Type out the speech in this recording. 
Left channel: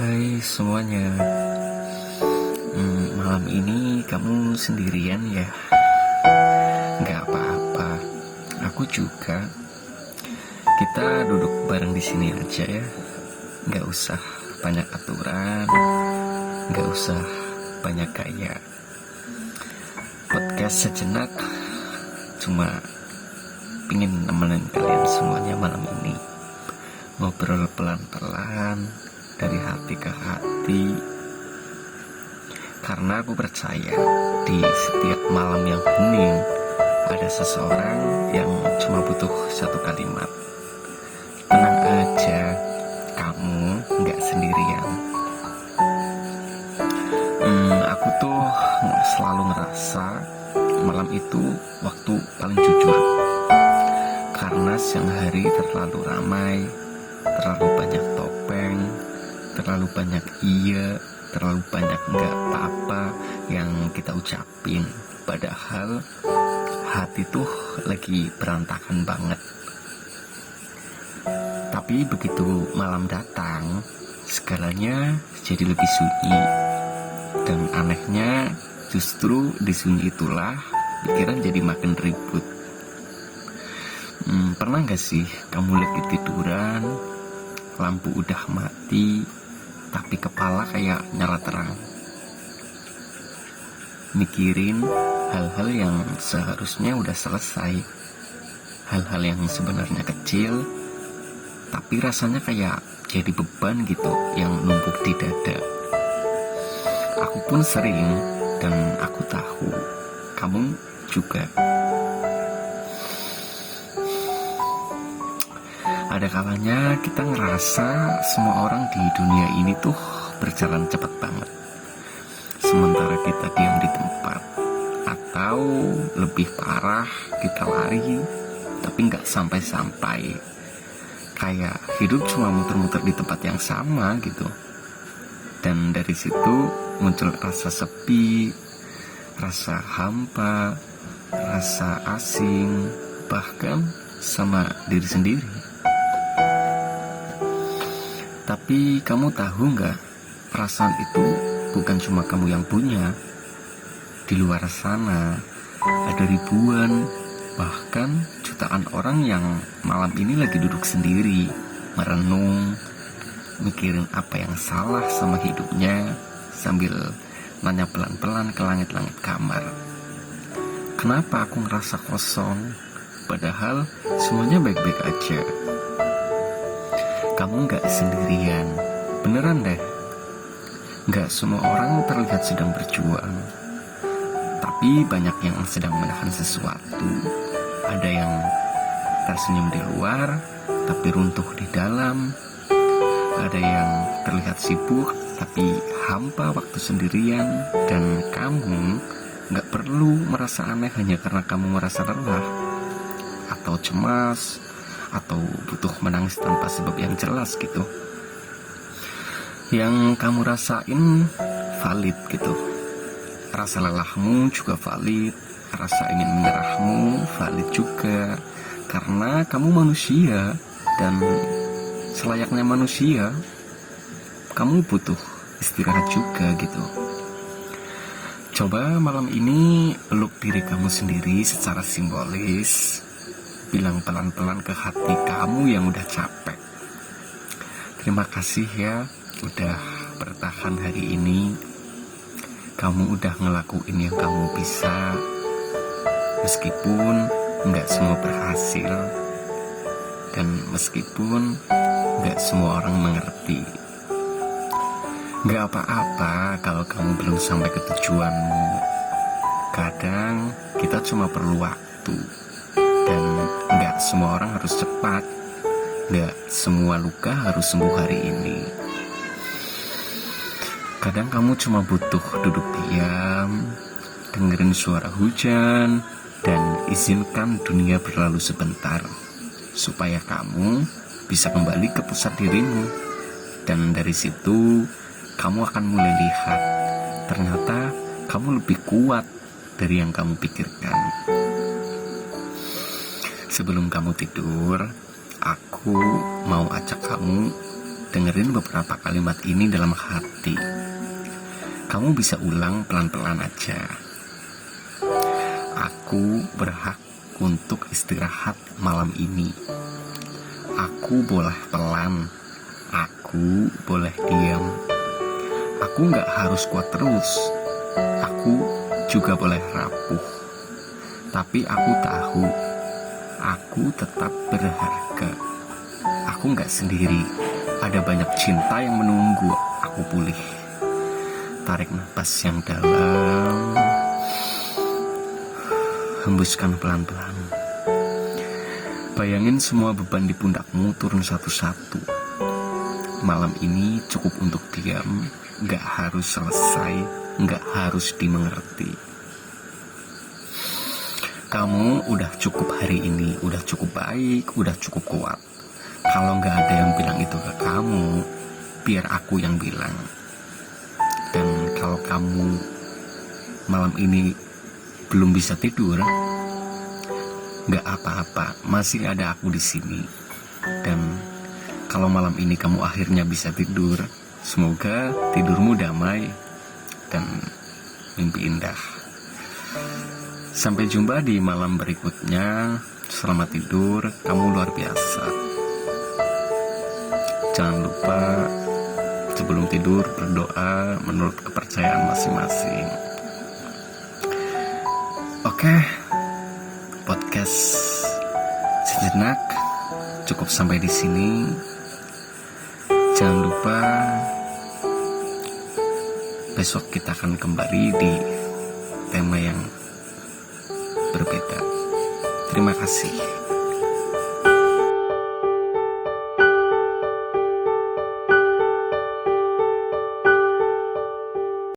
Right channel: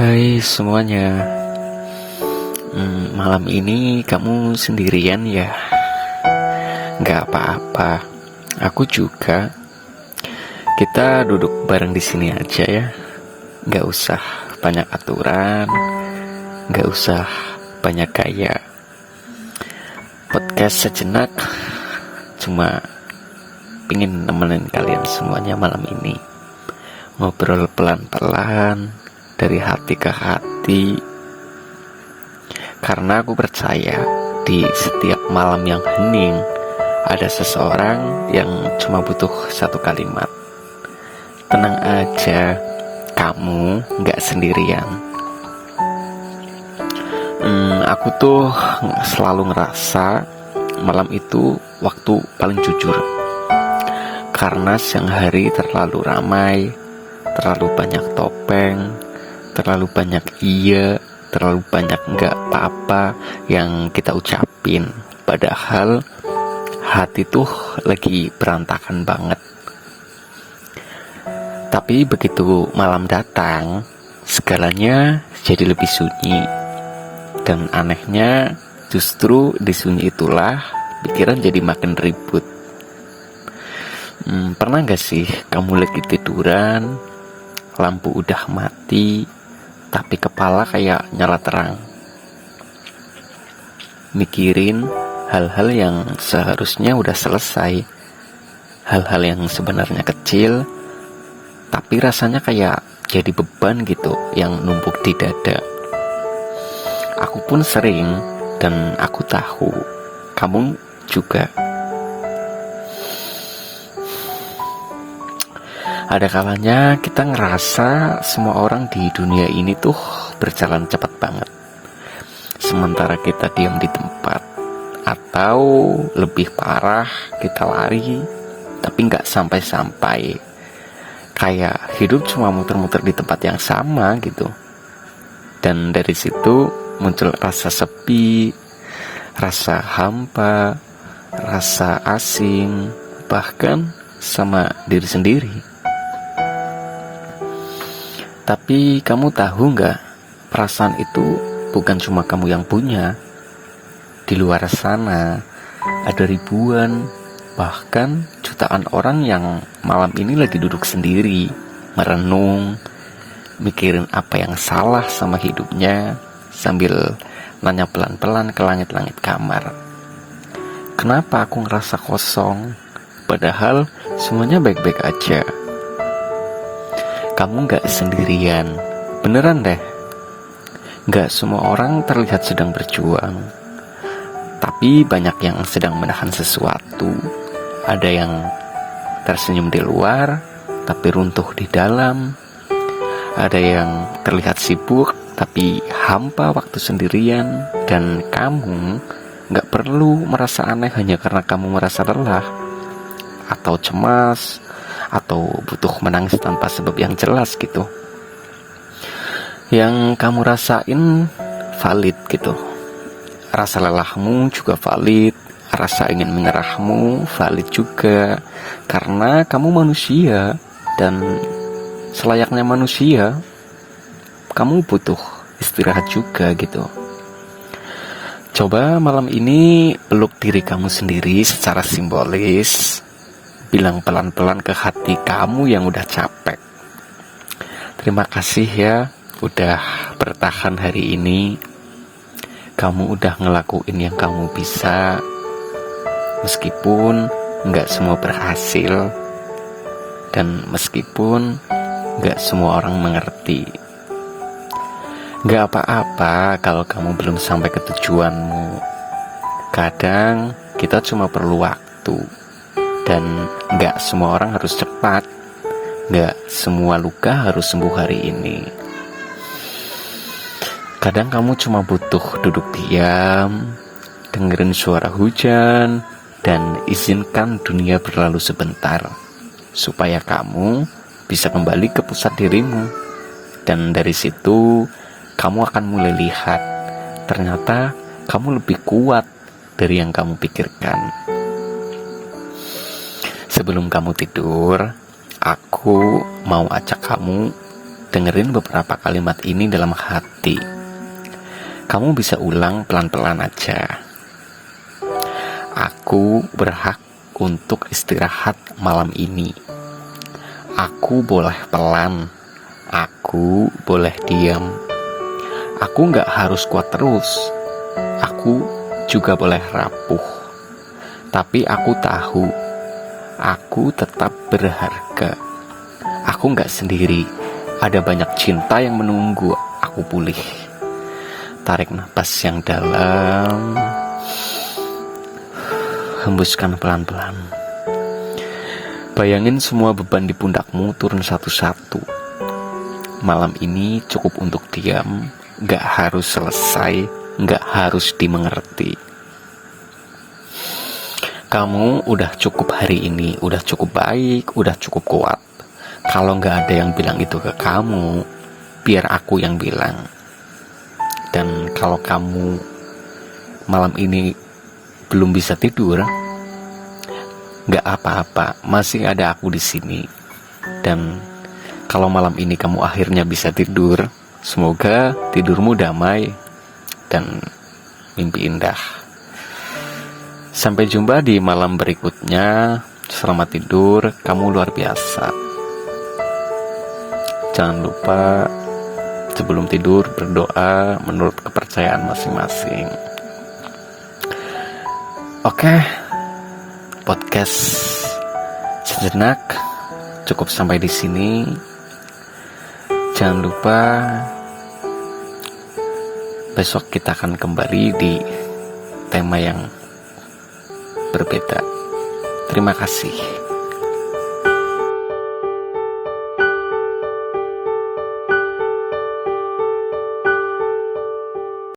Hai semuanya. Malam ini kamu sendirian ya? Gak apa-apa, aku juga. Kita duduk bareng di sini aja ya. Gak usah banyak aturan, gak usah banyak gaya. Podcast sejenak, cuma pingin nemenin kalian semuanya malam ini. Ngobrol pelan-pelan dari hati ke hati, karena aku percaya di setiap malam yang hening ada seseorang yang cuma butuh satu kalimat. Tenang aja, kamu gak sendirian. Aku tuh selalu ngerasa malam itu waktu paling jujur, karena siang hari terlalu ramai, terlalu banyak topeng, terlalu banyak iya, terlalu banyak nggak apa-apa yang kita ucapin. Padahal hati tuh lagi berantakan banget. Tapi begitu malam datang, segalanya jadi lebih sunyi. Dan anehnya justru di sunyi itulah pikiran jadi makin ribut. Pernah gak sih kamu lagi tiduran, lampu udah mati, tapi kepala kayak nyala terang, mikirin hal-hal yang seharusnya udah selesai, hal-hal yang sebenarnya kecil, tapi rasanya kayak jadi beban gitu yang numpuk di dada. Aku pun sering, dan aku tahu kamu juga. Ada kalanya kita ngerasa semua orang di dunia ini tuh berjalan cepat banget, sementara kita diam di tempat. Atau lebih parah, kita lari tapi gak sampai-sampai. Kayak hidup cuma muter-muter di tempat yang sama gitu. Dan dari situ muncul rasa sepi, rasa hampa, rasa asing, bahkan sama diri sendiri. Tapi kamu tahu gak, perasaan itu bukan cuma kamu yang punya. Di luar sana ada ribuan, bahkan jutaan orang yang malam ini lagi duduk sendiri, merenung, mikirin apa yang salah sama hidupnya, sambil nanya pelan-pelan ke langit-langit kamar. Kenapa aku ngerasa kosong, padahal semuanya baik-baik aja? Kamu gak sendirian, beneran deh. Gak semua orang terlihat sedang berjuang, tapi banyak yang sedang menahan sesuatu. Ada yang tersenyum di luar, tapi runtuh di dalam. Ada yang terlihat sibuk, tapi hampa waktu sendirian. Dan kamu gak perlu merasa aneh hanya karena kamu merasa lelah, atau cemas, atau butuh menangis tanpa sebab yang jelas gitu. Yang kamu rasain valid gitu. Rasa lelahmu juga valid, rasa ingin menyerahmu valid juga. Karena kamu manusia, dan selayaknya manusia, kamu butuh istirahat juga gitu. Coba malam ini peluk diri kamu sendiri secara simbolis. Bilang pelan-pelan ke hati kamu yang udah capek, terima kasih ya udah bertahan hari ini. Kamu udah ngelakuin yang kamu bisa, meskipun gak semua berhasil, dan meskipun gak semua orang mengerti. Gak apa-apa kalau kamu belum sampai ke tujuanmu. Kadang kita cuma perlu waktu. Dan gak semua orang harus cepat, gak semua luka harus sembuh hari ini. Kadang kamu cuma butuh duduk diam, dengerin suara hujan, dan izinkan dunia berlalu sebentar, supaya kamu bisa kembali ke pusat dirimu. Dan dari situ kamu akan mulai lihat, ternyata kamu lebih kuat dari yang kamu pikirkan. Sebelum kamu tidur, aku mau ajak kamu dengerin beberapa kalimat ini dalam hati. Kamu bisa ulang pelan-pelan aja. Aku berhak untuk istirahat malam ini. Aku boleh pelan. Aku boleh diam. Aku gak harus kuat terus. Aku juga boleh rapuh. Tapi aku tahu, aku tetap berharga. Aku gak sendiri. Ada banyak cinta yang menunggu aku pulih. Tarik napas yang dalam, hembuskan pelan-pelan. Bayangin semua beban di pundakmu turun satu-satu. Malam ini cukup untuk diam. Gak harus selesai, gak harus dimengerti. Kamu udah cukup hari ini, udah cukup baik, udah cukup kuat. Kalau gak ada yang bilang itu ke kamu, biar aku yang bilang. Dan kalau kamu malam ini belum bisa tidur, gak apa-apa, masih ada aku di sini. Dan kalau malam ini kamu akhirnya bisa tidur, semoga tidurmu damai dan mimpi indah. Sampai jumpa di malam berikutnya. Selamat tidur, kamu luar biasa. Jangan lupa sebelum tidur berdoa menurut kepercayaan masing-masing. Oke, podcast sejenak cukup sampai di sini. Jangan lupa besok kita akan kembali di tema yang berbeda. Terima kasih.